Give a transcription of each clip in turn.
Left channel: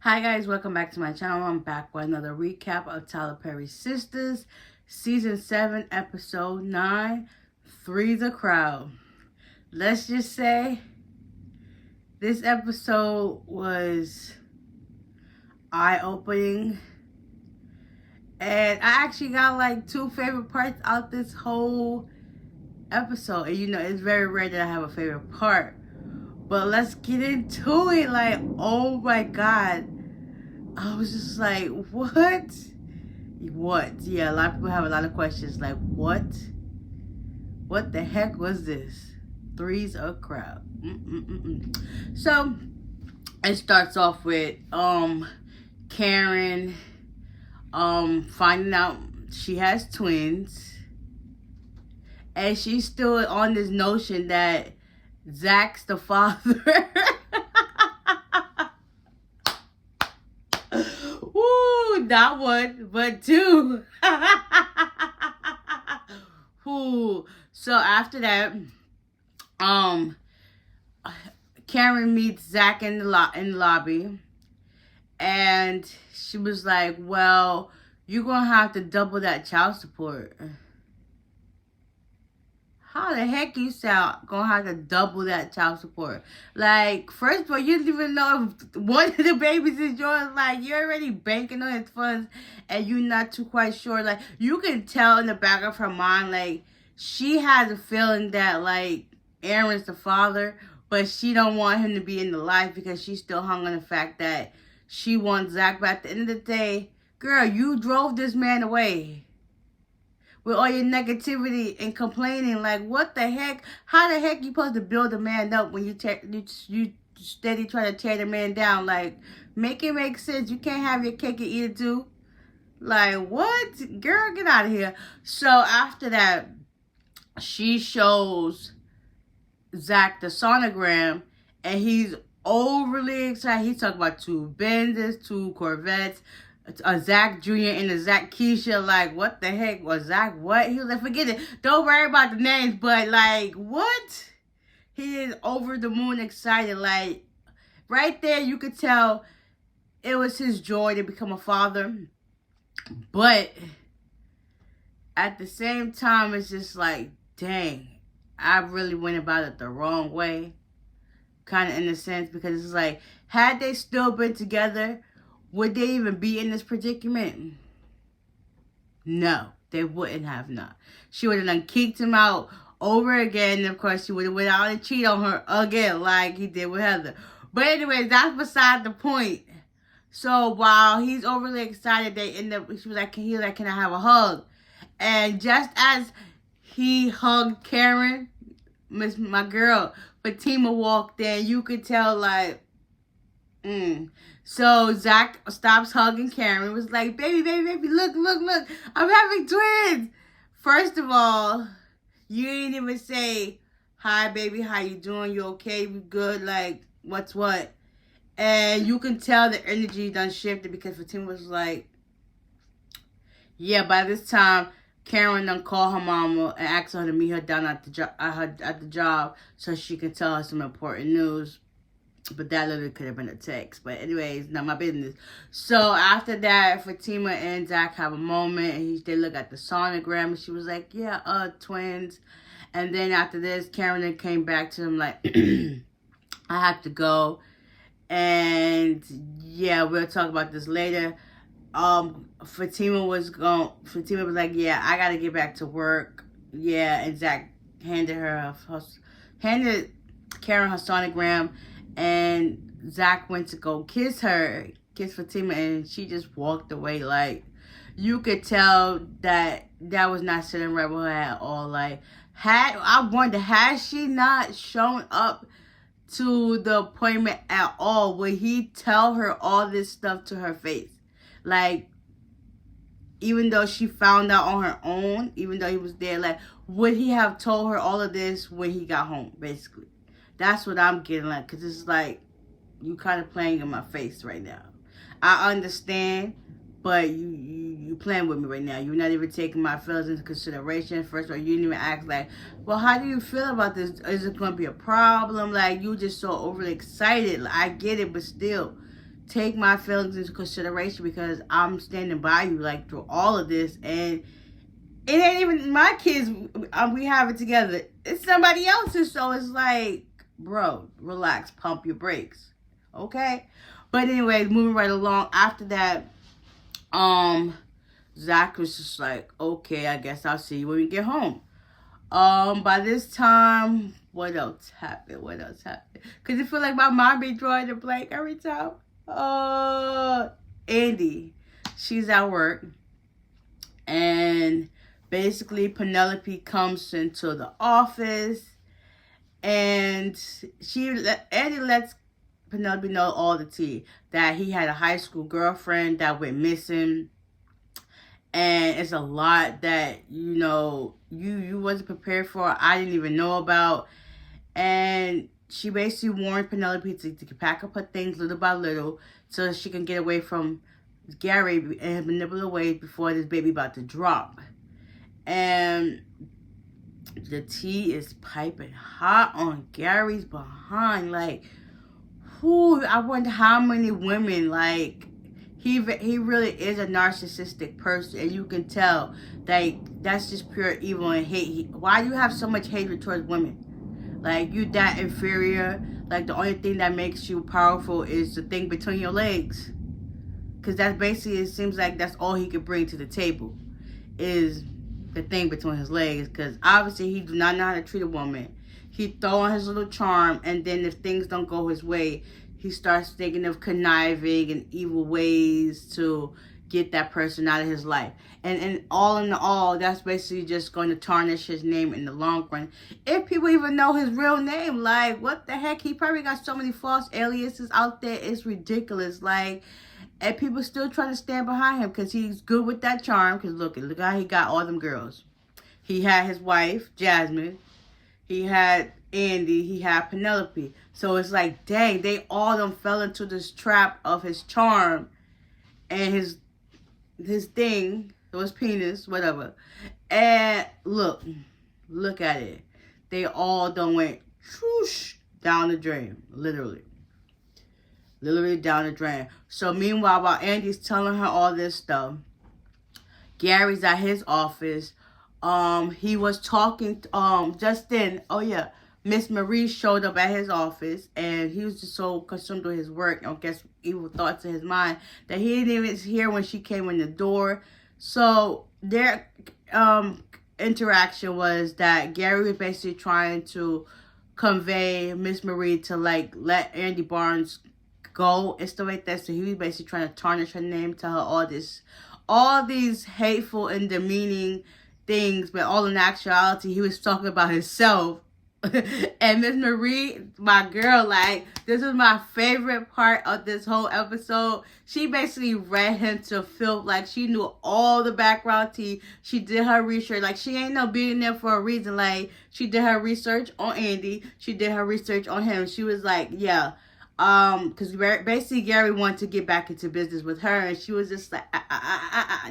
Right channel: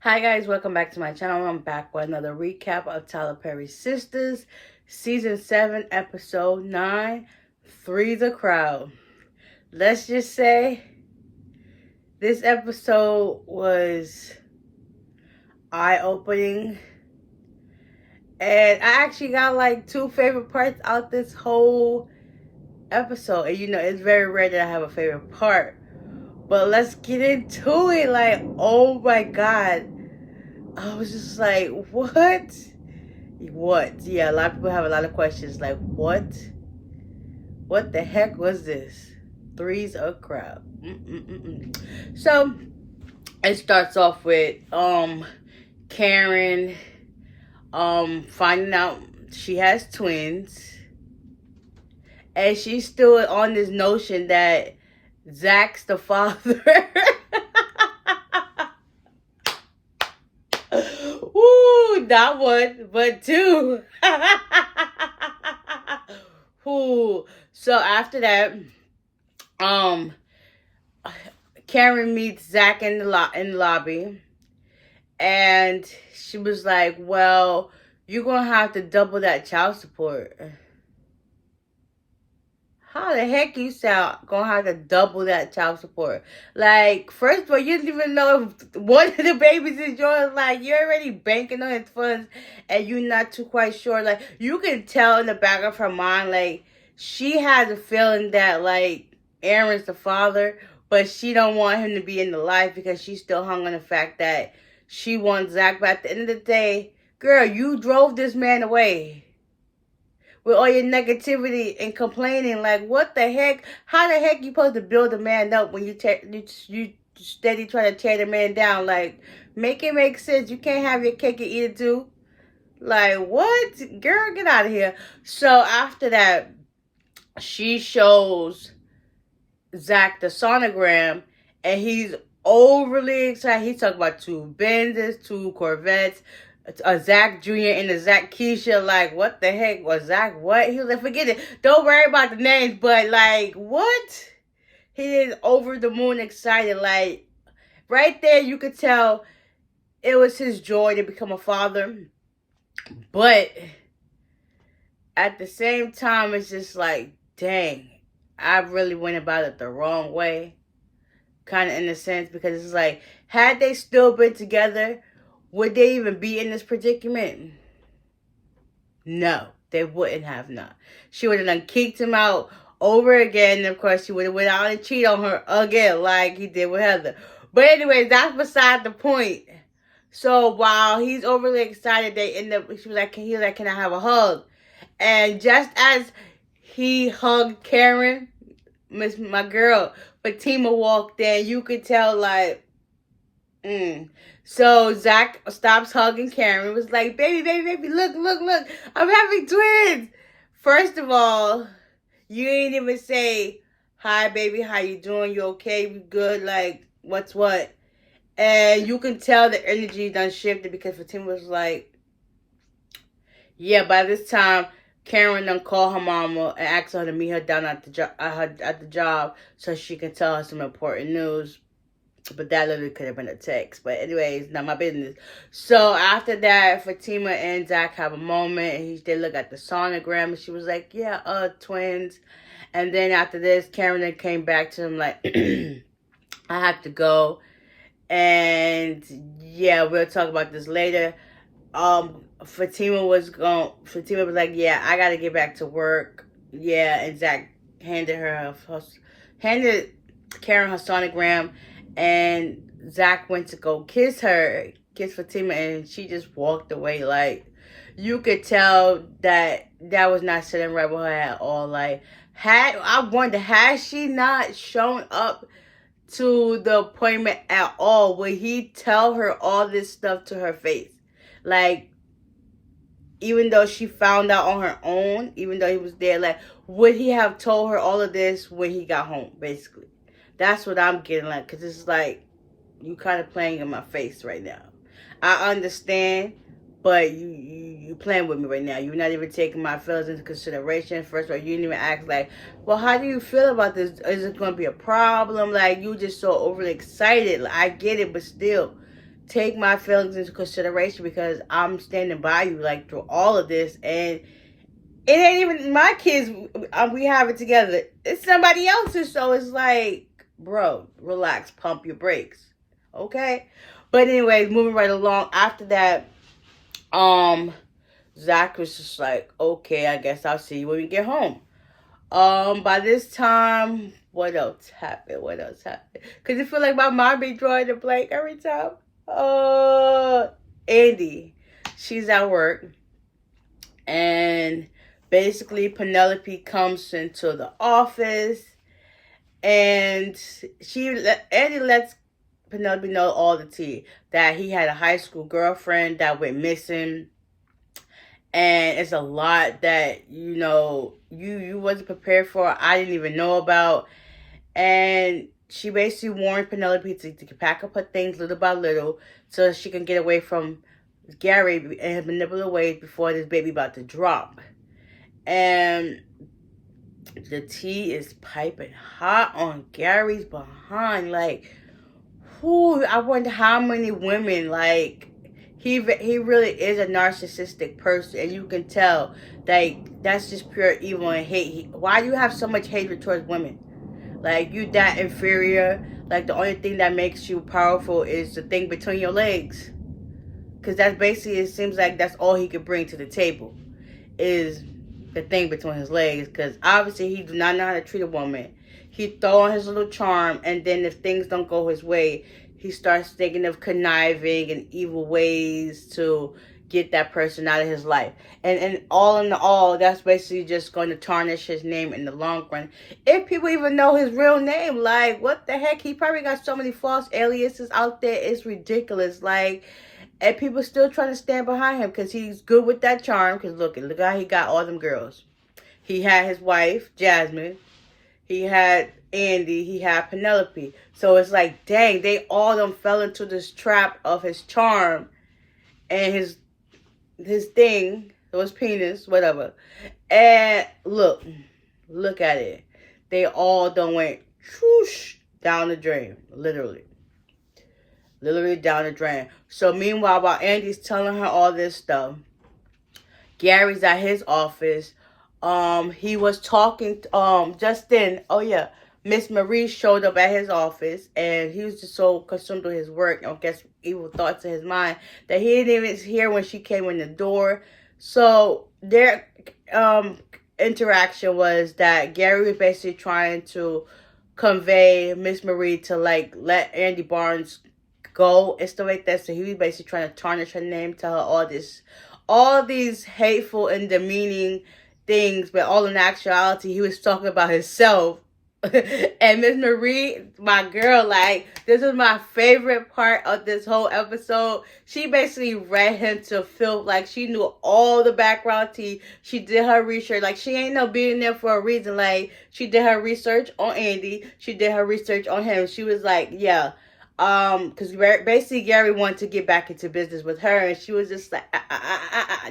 Hi guys, welcome back to my channel. I'm back with another recap of Tyler Perry's Sistas, Season 7, Episode 9, Three's a Crowd. Let's just say this episode was eye-opening. And I actually got like two favorite parts out this whole episode. And it's very rare that I have a favorite part. But let's get into it. Like, oh my God. I was just like, what? What? Yeah, a lot of people have a lot of questions. Like, what? What the heck was this? Three's a crowd. So, it starts off with Karen finding out she has twins. And she's still on this notion that Zach's the father. Woo, not one, but two. Woo. So after that, Karen meets Zach in the lobby, and she was like, "Well, you're gonna have to double that child support." How the heck you sound gonna have to double that child support? Like, first of all, you didn't even know if one of the babies is yours. Like, you're already banking on his funds and you're not too quite sure. Like, you can tell in the back of her mind, like, she has a feeling that, like, Aaron's the father, but she don't want him to be in the life because she's still hung on the fact that she wants Zach. But at the end of the day, girl, you drove this man away with all your negativity and complaining. Like, what the heck? How the heck you supposed to build a man up when you steady trying to tear the man down? Like, make it make sense. You can't have your cake and eat it too. Like, what? Girl, get out of here. So after that, she shows Zach the sonogram, and he's overly excited. He's talking about two Benzes, two Corvettes, a Zach Jr. and a Zach Keisha. Like, what the heck was Zach? What? He was like, forget it. Don't worry about the names. But, like, what? He is over the moon excited. Like, right there, you could tell it was his joy to become a father. But at the same time, it's just like, dang, I really went about it the wrong way. Kind of in a sense, because it's like, had they still been together, would they even be in this predicament? No, they wouldn't have not. She would have done kicked him out over again. And of course, she would have went out and cheated on her again like he did with Heather. But anyways, that's beside the point. So while he's overly excited, they end up, she was like, can I have a hug? And just as he hugged Karen, my girl, Fatima walked in, you could tell like, So Zach stops hugging Karen. Was like, baby, look, I'm having twins. First of all, you ain't even say, hi, baby, how you doing? You okay? We good? Like, what's what? And you can tell the energy done shifted because Fatima was like, yeah, by this time, Karen done called her mama and asked her to meet her down at the job so she can tell her some important news. But that literally could have been a text. But anyways, not my business. So after that, Fatima and Zach have a moment. And they look at the sonogram. And she was like, yeah, twins. And then after this, Karen then came back to him like, I have to go. And yeah, we'll talk about this later. Fatima was like, yeah, I got to get back to work. Yeah, and Zach handed Karen her sonogram. And Zach went to go kiss Fatima, and she just walked away. Like, you could tell that was not sitting right with her at all. Like, had she not shown up to the appointment at all, would he tell her all this stuff to her face? Like, even though she found out on her own, even though he was there, like, would he have told her all of this when he got home, basically? That's what I'm getting like, because it's like, you kind of playing in my face right now. I understand, but you playing with me right now. You're not even taking my feelings into consideration. First of all, you didn't even ask, like, well, how do you feel about this? Is it going to be a problem? Like, you just so overly excited. Like, I get it, but still, take my feelings into consideration because I'm standing by you like through all of this, and it ain't even my kids. We have it together. It's somebody else's, so it's like, bro, relax, pump your brakes, okay? But anyways, moving right along. After that, Zach was just like, okay, I guess I'll see you when we get home. By this time, what else happened? What else happened? Cause I feel like my mom be drawing a blank every time. Andy, she's at work, and basically Penelope comes into the office, and Andy lets Penelope know all the tea, that he had a high school girlfriend that went missing. And it's a lot that, you wasn't prepared for. I didn't even know about. And she basically warned Penelope to pack up her things little by little so she can get away from Gary in manipulative ways before this baby about to drop. And the tea is piping hot on Gary's behind. Like, I wonder how many women, like, he really is a narcissistic person, and you can tell, like, that's just pure evil and hate. Why do you have so much hatred towards women? Like, you that inferior. Like, the only thing that makes you powerful is the thing between your legs. Because that's basically, it seems like that's all he could bring to the table, is the thing between his legs. Because obviously he do not know how to treat a woman. He throw on his little charm, and then if things don't go his way, he starts thinking of conniving and evil ways to get that person out of his life. And all in all, that's basically just going to tarnish his name in the long run. If people even know his real name, like, what the heck? He probably got so many false aliases out there. It's ridiculous. Like, and people still trying to stand behind him because he's good with that charm. Because look how he got all them girls. He had his wife, Jasmine. He had Andy, he had Penelope. So it's like, dang, they all them fell into this trap of his charm and his thing, his penis, whatever. And look at it. They all done went whoosh, down the drain, literally down the drain. So meanwhile, while Andy's telling her all this stuff, Gary's at his office. He was talking just then. Oh yeah, Miss Marie showed up at his office, and he was just so consumed with his work, I guess evil thoughts in his mind, that he didn't even hear when she came in the door. So their interaction was that Gary was basically trying to convey Miss Marie to, like, let Andy Barnes go and stuff like that. So he was basically trying to tarnish her name, tell her all these hateful and demeaning things, but all in actuality, he was talking about himself. And Miss Marie, my girl, like, this is my favorite part of this whole episode. She basically read him to filth. Like, she knew all the background tea. She did her research. Like, she ain't no being there for a reason. Like, she did her research on Andy. She did her research on him. She was like, yeah. Because basically Gary wanted to get back into business with her, and she was just like,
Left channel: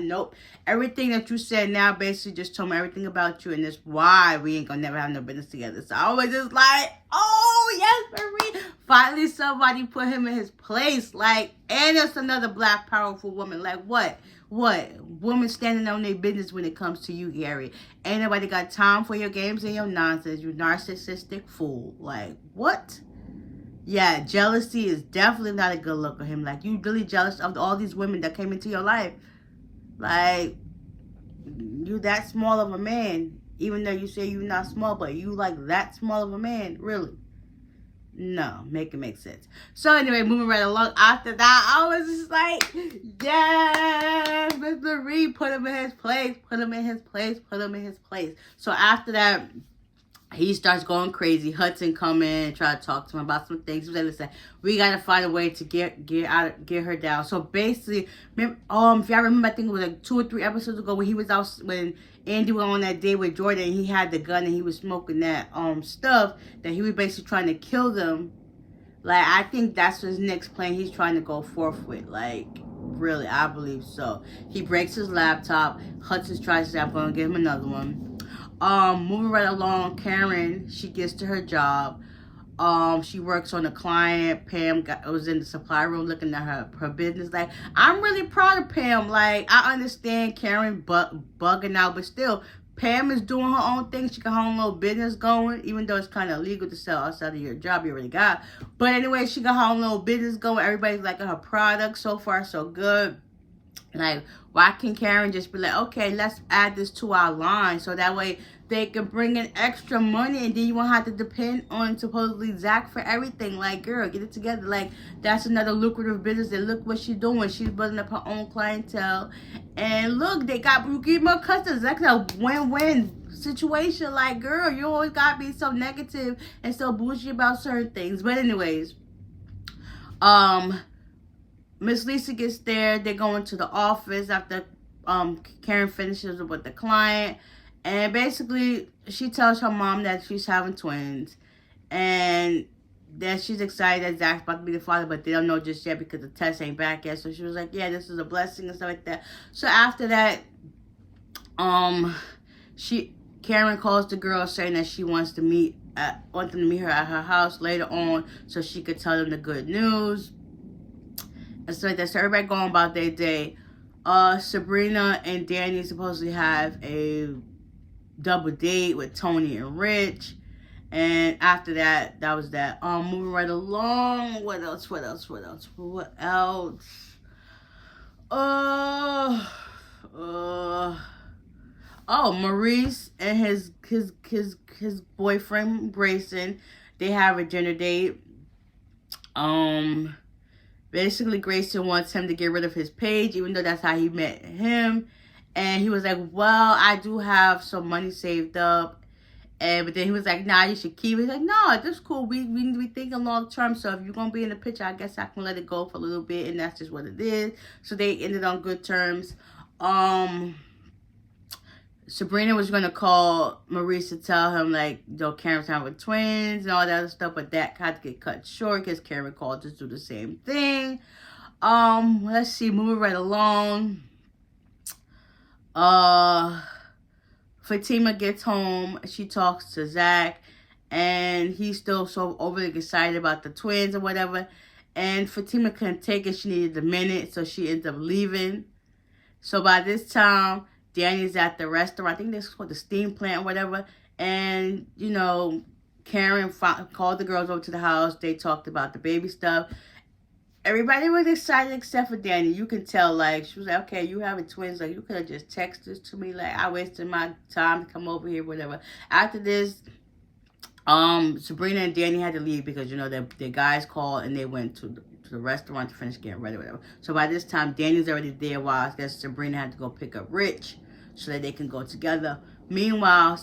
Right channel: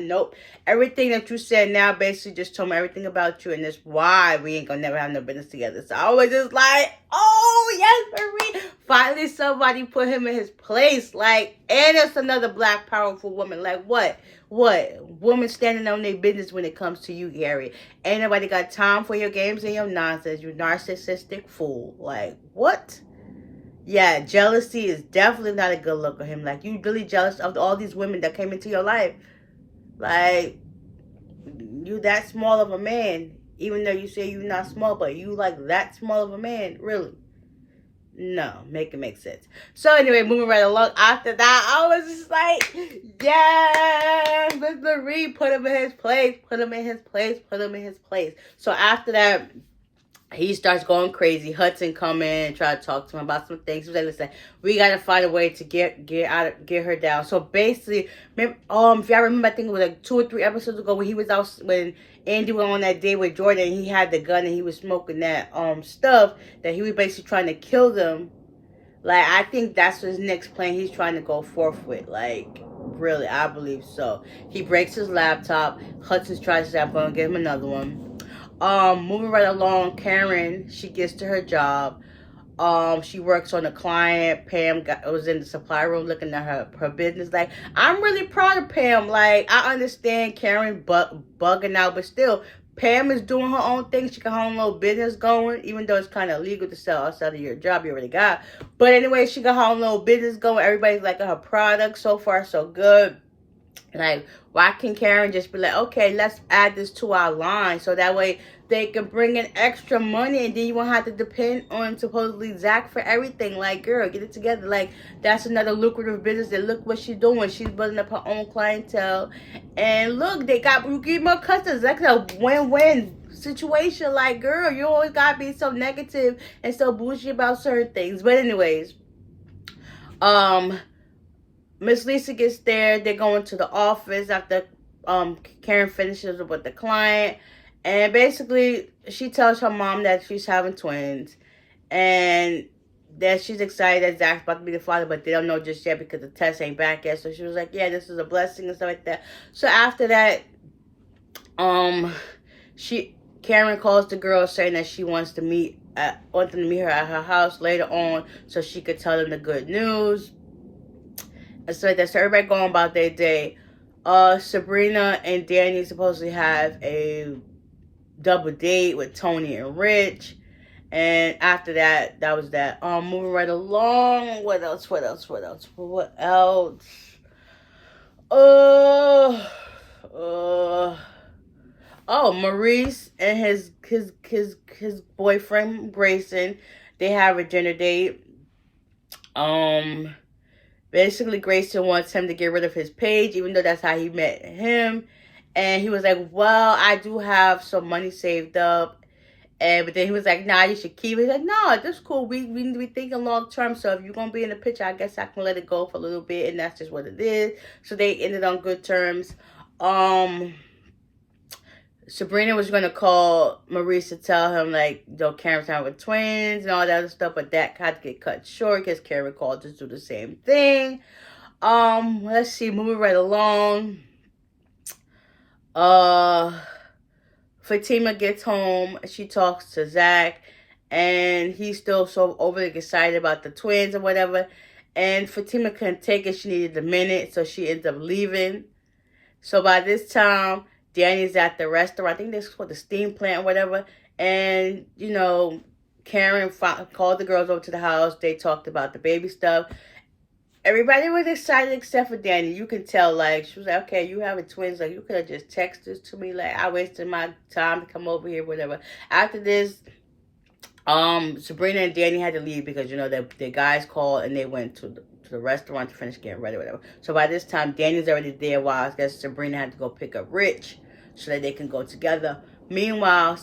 nope. Everything that you said now basically just told me everything about you, and that's why we ain't gonna never have no business together. So I was just like, oh yes, Marie. Finally somebody put him in his place. Like, and it's another black powerful woman. Like, what women standing on their business when it comes to you, Gary? Ain't nobody got time for your games and your nonsense, you narcissistic fool. Like, what? Yeah, jealousy is definitely not a good look on him. Like, you really jealous of all these women that came into your life. Like, you that small of a man. Even though you say you're not small, but you like that small of a man. Really? No, make it make sense. So anyway, moving right along. After that, I was just like, yes, Miss Marie, put him in his place. Put him in his place. Put him in his place. So after that, he starts going crazy. Hudson come in and try to talk to him about some things. He was like, listen, we got to find a way to get her down. So basically, if y'all remember, I think it was like 2 or 3 episodes ago when he was out, when Andy went on that date with Jordan, and he had the gun and he was smoking that stuff, that he was basically trying to kill them. Like, I think that's his next plan he's trying to go forth with. Like, really, I believe so. He breaks his laptop. Hudson tries to say, I'm going to give him another one. Moving right along, Karen, she gets to her job. She works on a client. Pam was in the supply room looking at her business. Like, I'm really proud of Pam. Like, I understand Karen bugging out, but still, Pam is doing her own thing. She got her own little business going, even though it's kind of illegal to sell outside of your job you already got. But anyway, she got her own little business going. Everybody's liking her product. So far, so good. Like, why can Karen just be like, okay, let's add this to our line, so that way they can bring in extra money, and then you won't have to depend on supposedly Zach for everything. Like, girl, get it together. Like, that's another lucrative business. And look what she's doing. She's building up her own clientele. And look, you get more customers. That's a win-win situation. Like, girl, you always gotta be so negative and so bougie about certain things. But anyways, Miss Lisa gets there. They're going to the office after Karen finishes with the client. And basically, she tells her mom that she's having twins. And that she's excited that Zach's about to be the father, but they don't know just yet because the test ain't back yet. So she was like, yeah, this is a blessing and stuff like that. So after that, Karen calls the girl saying that she wants them to meet her at her house later on so she could tell them the good news. And so that's everybody going about their day. Sabrina and Danny supposedly have a double date with Tony and Rich. And after that, that was that. Moving right along. What else? Maurice and his boyfriend Grayson, they have a dinner date. Basically, Grayson wants him to get rid of his page, even though that's how he met him. And he was like, well, I do have some money saved up. But then he was like, nah, you should keep it. He's like, no, this is cool. We need to be thinking long term. So if you're going to be in the picture, I guess I can let it go for a little bit. And that's just what it is. So they ended on good terms. Sabrina was going to call Maurice to tell him, like, Karen's having twins and all that other stuff. But that had to get cut short because Karen called to do the same thing. Let's see. Moving right along. Fatima gets home. She talks to Zach. And he's still so overly excited about the twins or whatever. And Fatima couldn't take it. She needed a minute. So she ends up leaving. So by this time, Danny's at the restaurant. I think this is called the steam plant or whatever. And, Karen called the girls over to the house. They talked about the baby stuff. Everybody was excited except for Danny. You can tell, like, she was like, okay, you having twins. Like, you could have just texted this to me. Like, I wasted my time to come over here, whatever. After this, Sabrina and Danny had to leave because, the guys called and they went to the restaurant to finish getting ready, whatever. So by this time, Danny's already there while I guess Sabrina had to go pick up Rich so that they can go together. Meanwhile,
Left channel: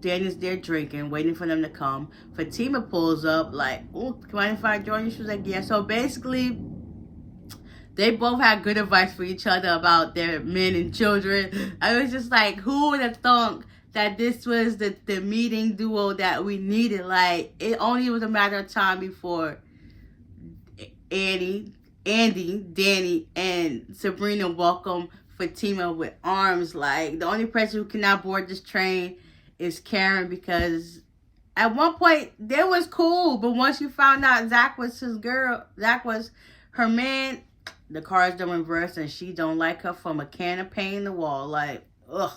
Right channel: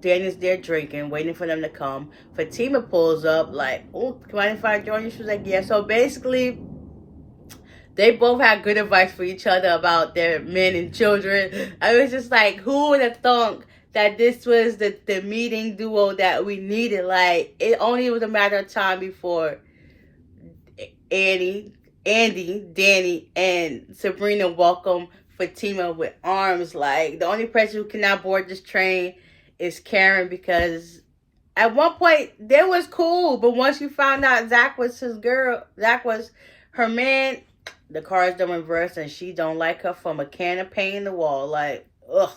Danny's there drinking, waiting for them to come. Fatima pulls up like, oh, come on, if I join you? She was like, yeah. So basically, they both had good advice for each other about their men and children. I was just like, who would have thought that this was the meeting duo that we needed? Like, it only was a matter of time before Andy, Danny, and Sabrina welcome Fatima with arms. Like, the only person who cannot board this train is Karen, because at one point they was cool, but once you found out Zach was her man, the car's done reverse and she don't like her from a can of paint in the wall. Like, ugh.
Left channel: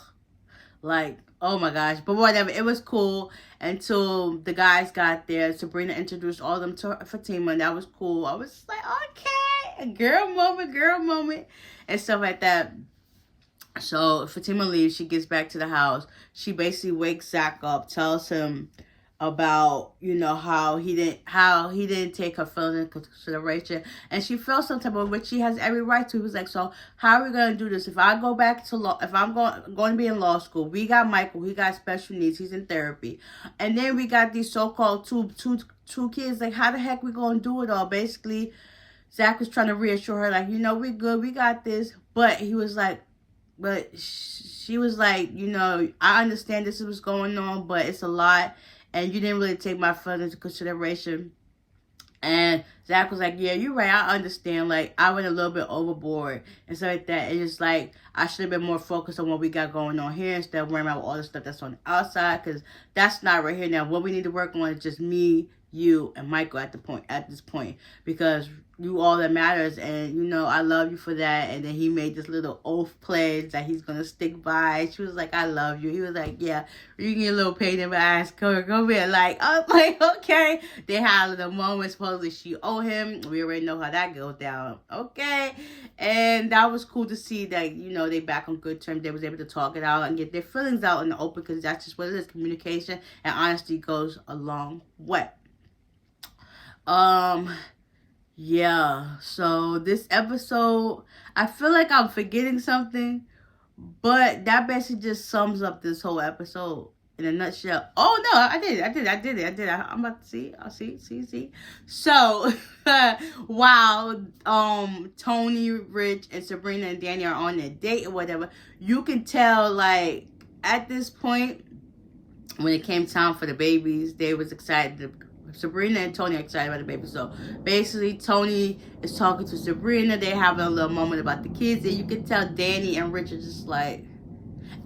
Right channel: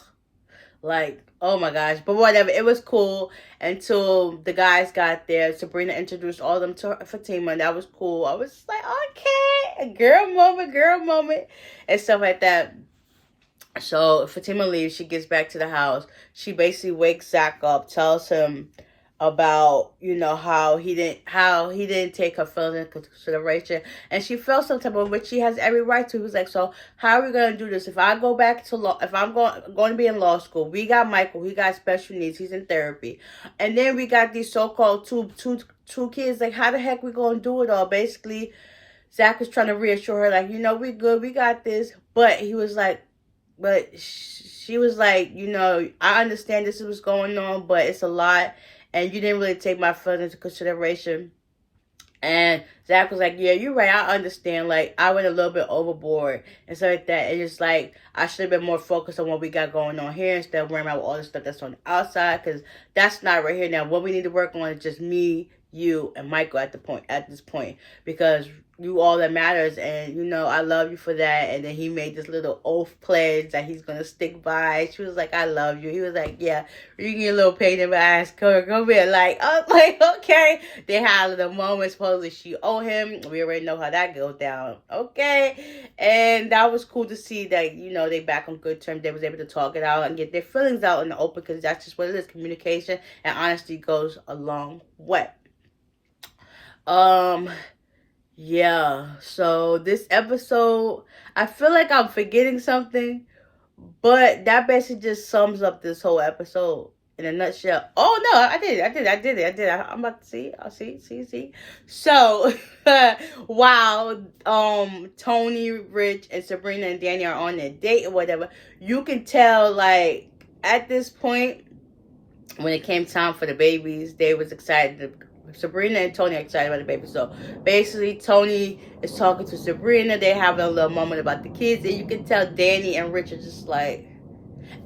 Like, oh my gosh. But whatever, it was cool until the guys got there. Sabrina introduced all of them to Fatima, and that was cool. I was just like, okay, a girl moment, and stuff like that. So Fatima leaves. She gets back to the house. She basically wakes Zach up, tells him about, how he didn't take her feelings into consideration, and she felt some type of, which she has every right to. He was like, so how are we gonna do this? If I go back to law, if I'm going to be in law school, we got Michael, he got special needs, he's in therapy, and then we got these so-called two kids. Like, how the heck we gonna do it all? Basically, Zach was trying to reassure her, like, we good, we got this, but he was like, but she was like, I understand this is what's going on, but it's a lot. And you didn't really take my feelings into consideration. And Zach was like, yeah, you're right. I understand. Like, I went a little bit overboard and stuff like that. It's just like, I should have been more focused on what we got going on here instead of worrying about all the stuff that's on the outside. Because that's not right here now. What we need to work on is just me, you and Michael at this point, because you all that matters, and you know I love you for that. And then he made this little oath pledge that he's gonna stick by. She was like, I love you. He was like, yeah, you get a little pain in my ass, come here. Like, I'm like, okay. They had a little moment. Supposedly she owe him. We already know how that goes down. Okay. And that was cool to see that, you know, they back on good terms. They was able to talk it out and get their feelings out in the open, because that's just what it is. Communication and honesty goes a long way. Yeah, so this episode, I feel like I'm forgetting something, but that basically just sums up this whole episode in a nutshell. Oh no, I did it. I'm about to see. I'll see. So, while Tony, Rich, and Sabrina and Danny are on their date or whatever, you can tell, like, at this point, when it came time for the babies, they was excited. Sabrina and Tony are excited about the baby. So basically, Tony is talking to Sabrina. They have a little moment about the kids, and you can tell Danny and Rich are just like,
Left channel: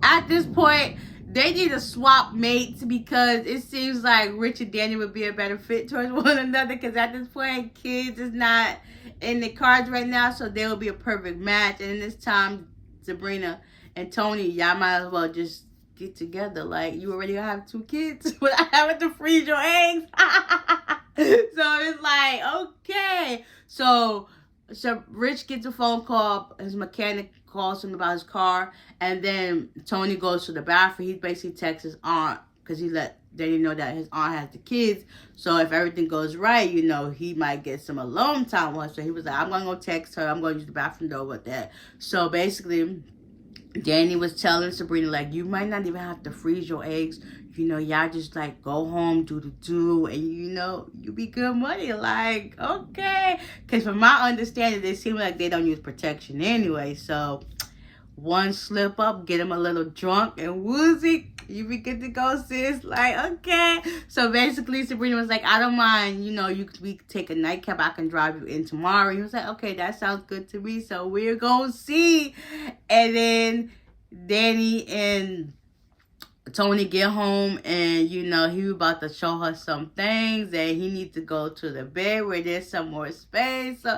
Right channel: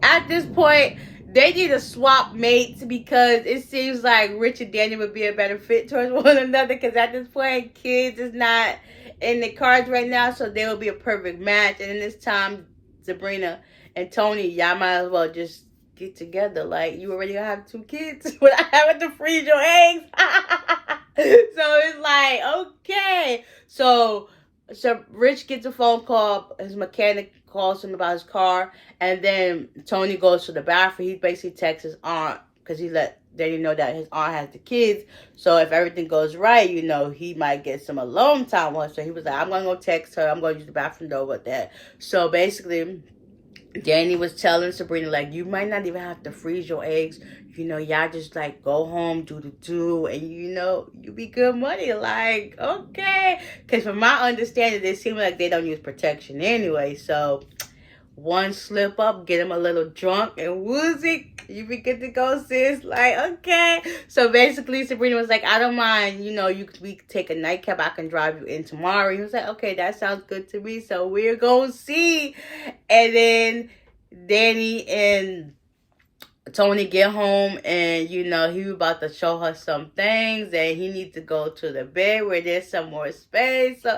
at this point, they need to swap mates, because it seems like Rich and Danny would be a better fit towards one another, because at this point, kids is not in the cards right now, so they will be a perfect match. And in this time, Sabrina and Tony, y'all might as well just get together. Like, you already have 2 kids without having to freeze your eggs. So it's like, okay. So Rich gets a phone call. His mechanic calls him about his car, and then Tony goes to the bathroom. He basically texts his aunt, because he let Danny know that his aunt has the kids. So if everything goes right, you know, he might get some alone time with her. So he was like, I'm gonna go text her. I'm gonna use the bathroom door with that. So basically, Danny was telling Sabrina, like, you might not even have to freeze your eggs. You know, y'all just, like, go home, do, and, you know, you be good money. Like, okay. Because from my understanding, it seems like they don't use protection anyway. So, one slip up, get him a little drunk, and woozy, you be good to go, sis. Like, okay. So basically, Sabrina was like, I don't mind, you know, we could take a nightcap. I can drive you in tomorrow. He was like, okay, that sounds good to me. So we're going to see. And then Danny and Tony get home, and, you know, he was about to show her some things, and he needs to go to the bed where there's some more space. So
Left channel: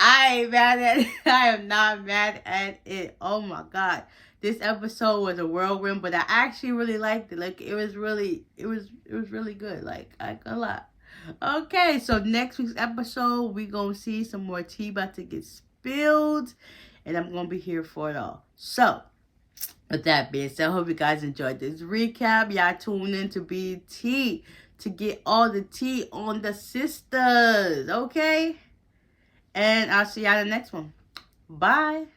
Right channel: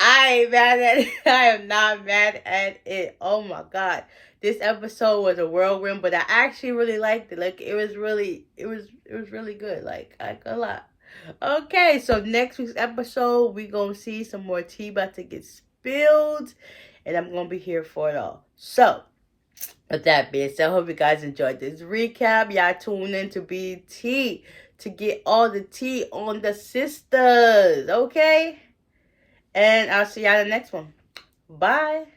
I ain't mad at it. I am not mad at it. Oh my God. This episode was a whirlwind, but I actually really liked it. Like, it was really good. Like, a lot. Okay, so next week's episode, we gonna see some more tea about to get spilled, and I'm gonna be here for it all. So, with that being said, I hope you guys enjoyed this recap. Y'all tune in to BT to get all the tea on the sisters, okay? And I'll see y'all in the next one. Bye.